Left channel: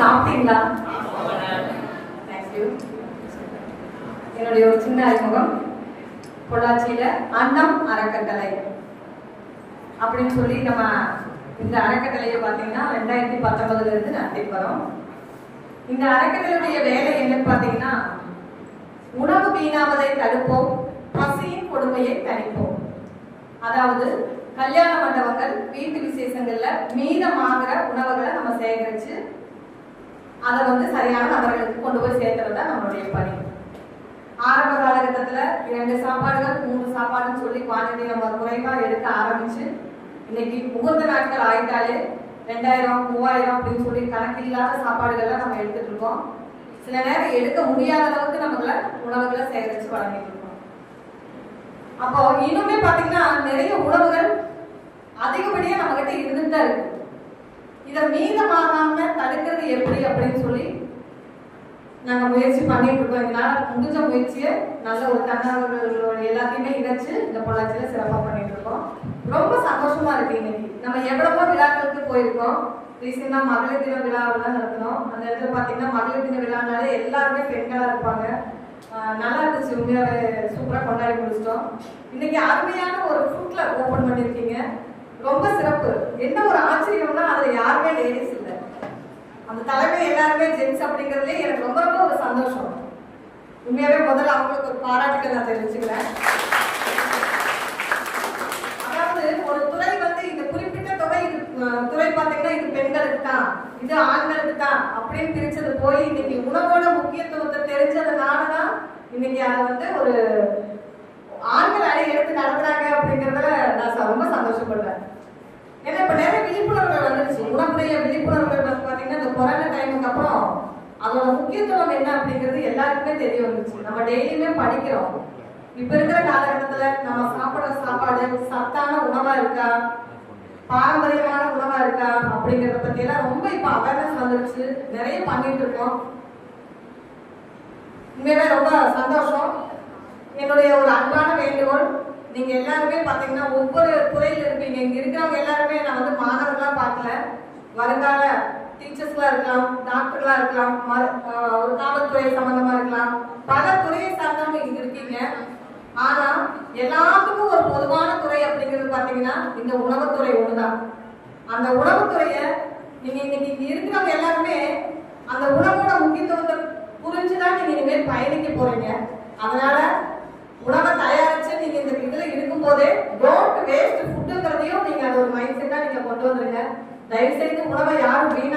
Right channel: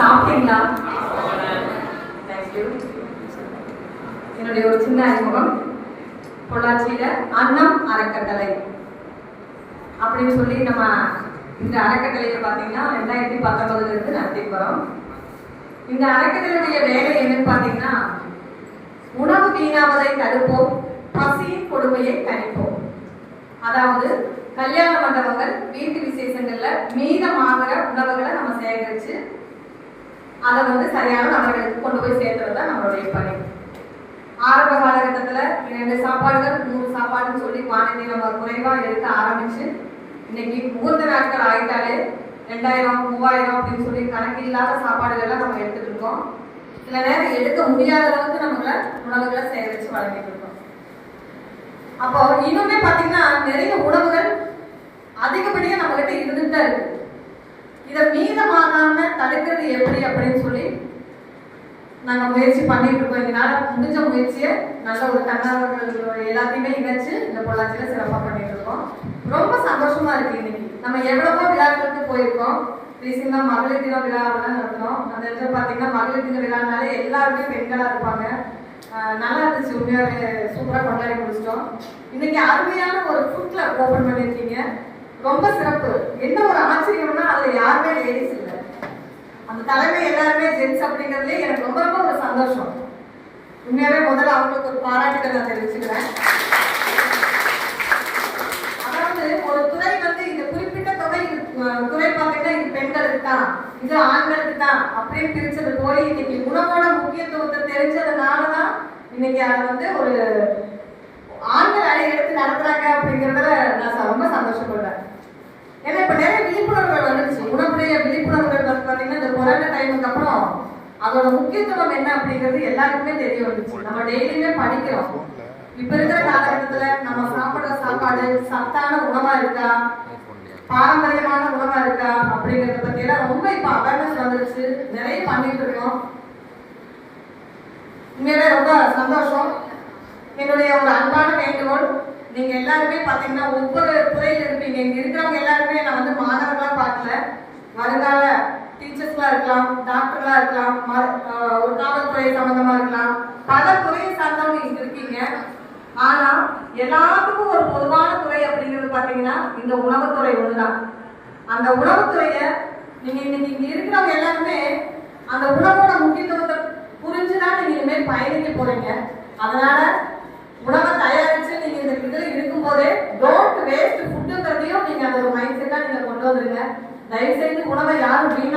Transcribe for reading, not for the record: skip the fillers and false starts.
சாப்பிட்டீங்களா? தேங்க்யூ. என்னுடைய ஒரு சின்ன அறிமுகம். பொள்ளாச்சியில அன்னம் அறக்கட்டளை அப்படின்னு சொல்லி நம்ம இந்த அறக்கட்டளையை பார்த்தீங்கன்னா 2019 இருந்து நடத்தி போறோம். இந்த அறக்கட்டளையுடைய வேலை என்னன்னு பார்த்தீங்கன்னா, உணவு வீணாவதை தடுப்போம், பசியின் கொடுமையை தணிப்போம். அதாவது கல்யாண மண்டபங்கள், வீட்டு விசேஷங்கள்ல மீதமாகிற உணவுகளை நம்ம சேகரிச்சு அதை சரியான நபர்களுக்கு கொண்டு போய் சேர்த்துறது தான் நம்மளுடைய பணி. ஆரம்ப காலகட்டத்துல 2 சாப்பாடுகள் 3 சாப்பாடுன்னு சொல்லி குவான்டிட்டி நம்ம குறைவா எடுக்க ஆரம்பிச்சு இன்னைக்கு முகூர்த்த நாட்கள் ஆகிட்டாலே 2000 3000 அப்படின்னு சொல்லி கணக்கில்லாத சாப்பாடுகள்லாம் நம்ம எடுத்துட்டு இருக்கோம். சில நேரம் எடுக்க முடியாத அளவுக்கு நம்மள உணவுகளை சேகரிச்சு வழங்கிட்டு இருக்கோம். அப்போ இன்னுமே பாத்தீங்கன்னா நிறைய உணவுகள் அதிகப்படியா நம்ம கிட்ட இருந்துட்டு தான் இருக்கு. இதை மீதமாகாம தடுக்கிறது எப்படி அப்படின்னு சொல்லி நாங்க முயற்சி பண்ணிட்டு இருக்கோம். இதனால முடிஞ்ச முயற்சியை நல்ல ஒரு தன்னார்வலர்கள் எல்லாத்தையுமே இணைச்சு இந்த பொள்ளாச்சியில சிறப்பா பண்ணிட்டு இருக்கோம். ரொம்ப சந்தோஷமா இருக்கு. இன்னைக்கு நம்ம எவ்வளவோ விழாக்களுக்கு போயிருக்கோம். ரீசெண்டா மகளிர் தின விழாவெல்லாம் நடத்தினோம். அந்த இடத்துல பாத்தீங்கன்னா மகளிர் தின விழானாலே எல்லாருமே பெண்களா இருப்பாங்க. நல்லா இருந்துச்சு, உண்மையாவே சூப்பரா கொண்டாடி முடிச்சிட்டோம். இன்னைக்கு அருமையான ஒரு ஃபுட் கிளப் ஓபன் பண்ணிருக்கீங்க, ரொம்ப சிறப்பு. என்ன ஒரு ஆச்சரியம்னா அதுல யாருமே லேடிஸ் இல்லை, அந்த தலைமை எல்லாருமே ஜென்ஸ் அப்படிங்கிறதுலே எனக்கு ரொம்ப ரொம்ப ஒரு சந்தோஷம். உண்மையாவே முதல்ல அவங்களுக்கு ஒரு பாராட்டுகளை நான் தெரிவிச்சுக்கிறேன். அதாவது ஒரு துறை இந்த குறிப்பிட்ட துறை பார்த்தீங்கன்னா இது பெண்களுக்கு தான், இது ஆண்களுக்கு தான் அப்படின்னு பிரிச்சது போய் இன்னைக்கு உணவோட முக்கியத்துவத்தை தெரிஞ்சதுனாலதான் இன்னைக்கு அதை ஒரு ஆண்கள் அணி எடுத்து நடத்துறாங்க அப்படிங்கிறதுல நான் ரொம்ப சந்தோஷப்படுறேன். ஏன்னா இப்ப நிறைய விழிப்புணர்வுகள் வந்துருச்சு. உணவுடைய விழிப்புணர்வுகள் பாத்தீங்கன்னா இந்த கொரோனா டைமுக்கு அப்புறம் அதோட முக்கியத்துவம் என்ன அப்படிங்கிறது எல்லாருக்குமே தெரிய வந்துச்சு. நம்ம டெய்லியுமே படிக்கிறோம். இப்ப இருக்கிற காலகட்டத்துல நம்ம சாப்பிடுற சாப்பாடு சத்தான உணவா இருக்கா, பாரம்பரியமான உணவா இருக்கா அப்படிங்கறத பத்தி எல்லாம் ரொம்ப இப்ப அவேர்னஸ் வந்துருச்சு. நிறைய பண்ணிட்டு இருக்கோம். உண்மையிலே ரொம்ப சந்தோஷம். என்னுடைய ஒரு அன்பான வேண்டுகோள், நீங்க எல்லாருமே பாத்தீங்கன்னா ஒவ்வொரு துறையில இருப்பீங்க. இங்க இருக்கிறவங்க எல்லாருமே நான் மாணவர்களா பார்க்கல, வருங்கால டீச்சர்ஸ்லாம் இருக்கலாம், டாக்டர்களா இருக்கலாம், ஒரு காவல்துறை சம்பந்தமா இருக்கலாம், பல துறையை சார்ந்தவங்க இங்க இருக்கீங்க. ஆனா எல்லாத்துக்கும் ஒரு பொதுவான துறை அப்படிங்கிறது பாத்தீங்கன்னா இந்த உணவுத்துறை ஒண்ணுதான். அந்த உணவுத்துறைய நீங்க இன்னைக்கு இங்க இருக்கிறவங்க எல்லாருமே அந்த உணவோட முக்கியத்துவத்தை புரிஞ்சுதான் நீங்க இனிமேல் பயணிக்க போறீங்க. அதனால உணவை தயாரிச்சு நீங்க இந்த இதுல இருக்கும் போதே டோன்ட் வேஸ்ட் ஃபுட்டுங்கிறதையும் நீங்க அது ஒரு மைண்ட் செட்டா நீங்க கொண்டு வந்துருங்க. தயவு செய்து உணவை யாரும் வீணா